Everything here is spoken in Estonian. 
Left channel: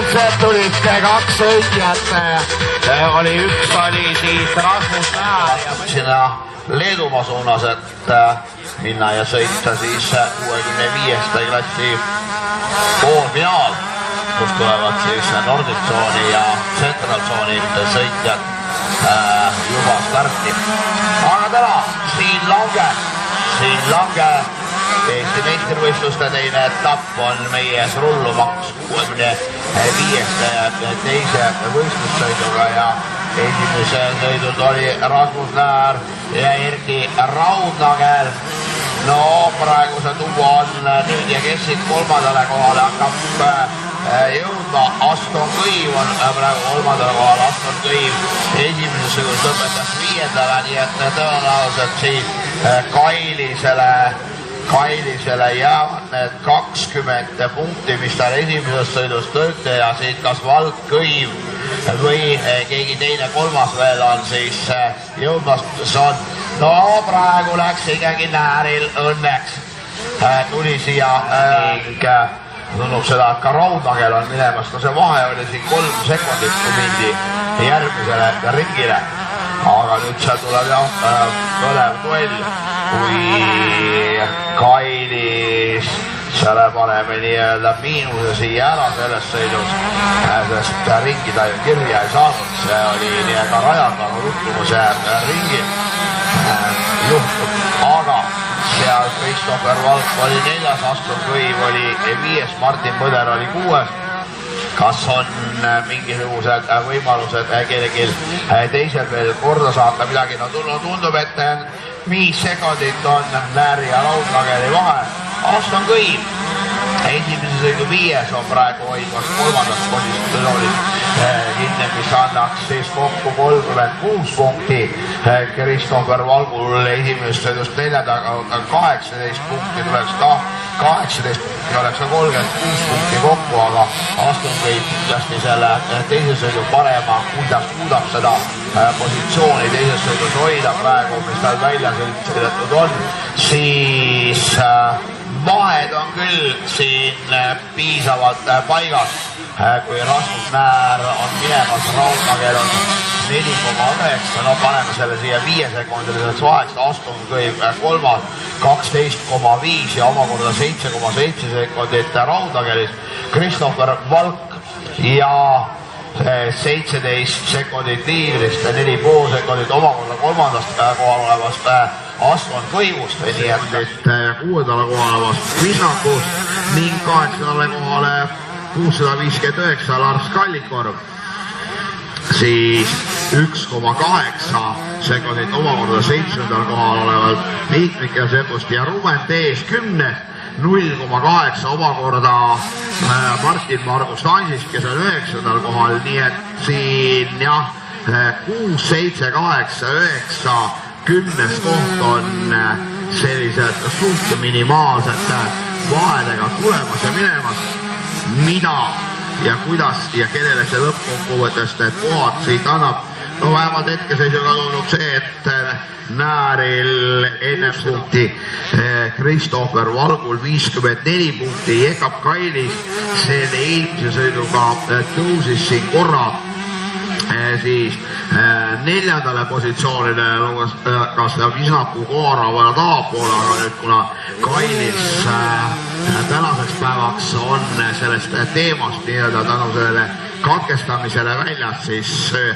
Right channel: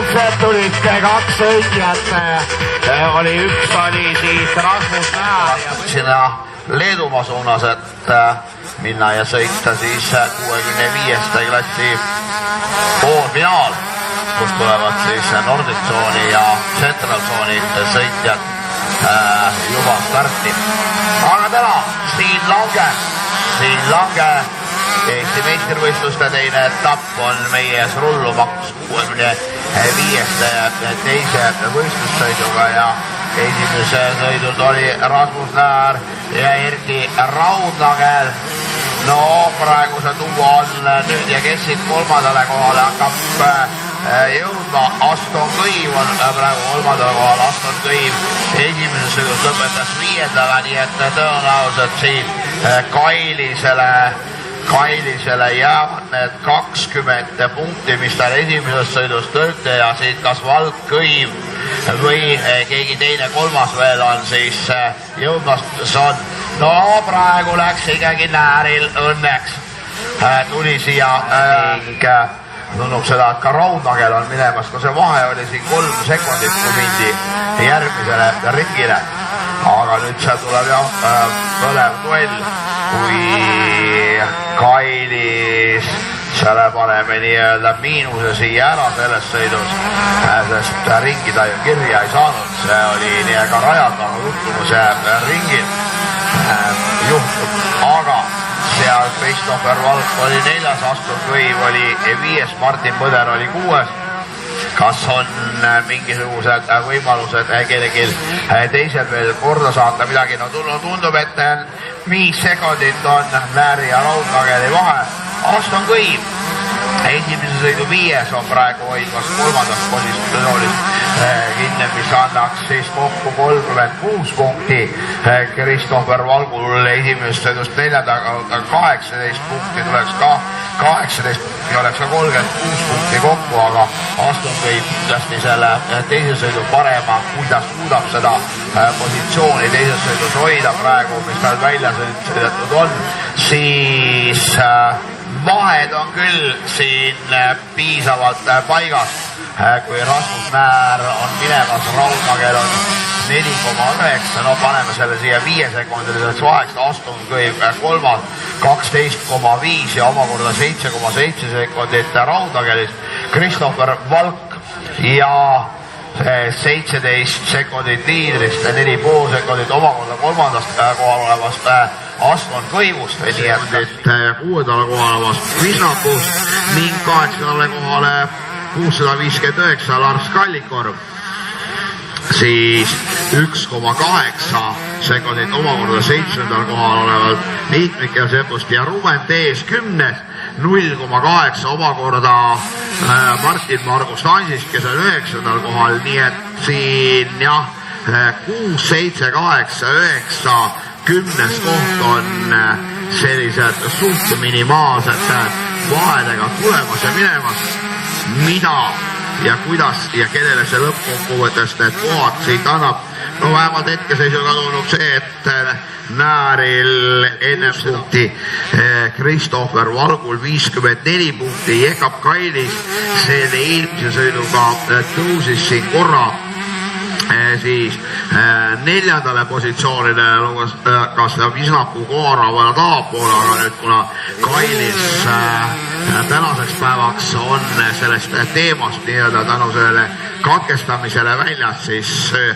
Võrdselt tulid kaks sõitjat, üks oli siis Rasmus Määr ja sinna Leedumaa suunas, et minna ja sõita siis 65. klassi poolfinaal, kus tulevad siis Nordic Zone'i ja Central Zone'i sõitjad juba starti. Aga täna Siim Lange Eesti meistrivõistluste teine etapp on meie ees rullumaks 65. teise võistlussõiduga ja esimese sõidud oli Rasmus Määr ja Erki Raudnagel. No praeguse duo on nüüd ja kes siit kolmandale kohale hakkab jõudma. Aston Kõiv on praegu kolmandale kohale. Aston Kõiv esimeses sõidus lõpetas 5. nii et tõenäoliselt siis Kailisele jäävad need 20 punkti, mis tal esimeses sõidus tõite ja siit kas Vald Kõiv või keegi teine kolmas veel on siis jõudmas on. No praegu läks ikkagi Nääril õnneks. Tuli siia tundub seda, et ka Raudnagel on minemas, kui see vahe oli siin 3 sekundit, kui mindi järgmisele ringile. Aga nüüd seal tuleb põlev duell, kui Kailis selle paneme nii-öelda miinuse siia ära sellest sõidus, sest ringi ta ju kirja ei saanud. See oli nii-ega rajatanud juhtumuse ringil juhtum, aga seal Christopher Valk oli 4., Aston Kõiv oli 5., Martin Põder oli 6. Kas on mingisugused võimalused kellelgi teisel veel korda saata midagi? No tundub, et 5 sekundit on Määri ja Raudnageli vahe. Aston Kõiv esimese sõidu 5. on praegu hoidmas 3. positsioonis kinni, mis annaks siis kokku 36 punkti. Christopher Valgul esimesest sõidust 4. 18 punkti tuleks ka 18 ja oleks 36 punkti kokku, aga Aston Kõiv kindlasti selle teise sõidu parema, kuidas suudab seda positsiooni teises sõidus hoida praegu, mis tal välja sõidetud on, siis vahed on küll siin piisavalt paigas, kui Rasmus Määr on minemas, Raudnagel on 4,9, no paneme selle siia 5-sekundiliseks vaheks, Aston Kõiv 3. 12,5 ja omakorda 7,7 sekundit Raudnagelist, Christopher Valk ja 17 sekundit liidrist ja 4,5 sekundit omakorda 3. kohal olevast Aston Kõivust, nii et 6. kohal olevast Vinnakust ning 8. kohale 659 Lars Kallikorv, siis 1,8 sekundit omakorda 7. kohal olevalt Miiklik ja Sepust ja Ruben Tees 10. 0,8 omakorda Martin Margus Tansist, kes on 9. kohal, nii et siin jah, 6, 7, 8, 9, 10. koht on sellised suht minimaalsed vahedega tulemas ja minemas. Mida ja kuidas ja kellele see lõppkokkuvõttes need kohad siit annab? No vähemalt hetkeseisuga tundub see, et Määril enne punkti, Christopher Valgul 54 punkti, Jekab Kailis selle eelmise sõiduga tõusis siin korra siis 4. positsioonile, kas Visaku Koorava tahapoole, aga nüüd kuna Kailis tänaseks päevaks on sellest teemast nii-öelda tänu sellele katkestamisele väljas, siis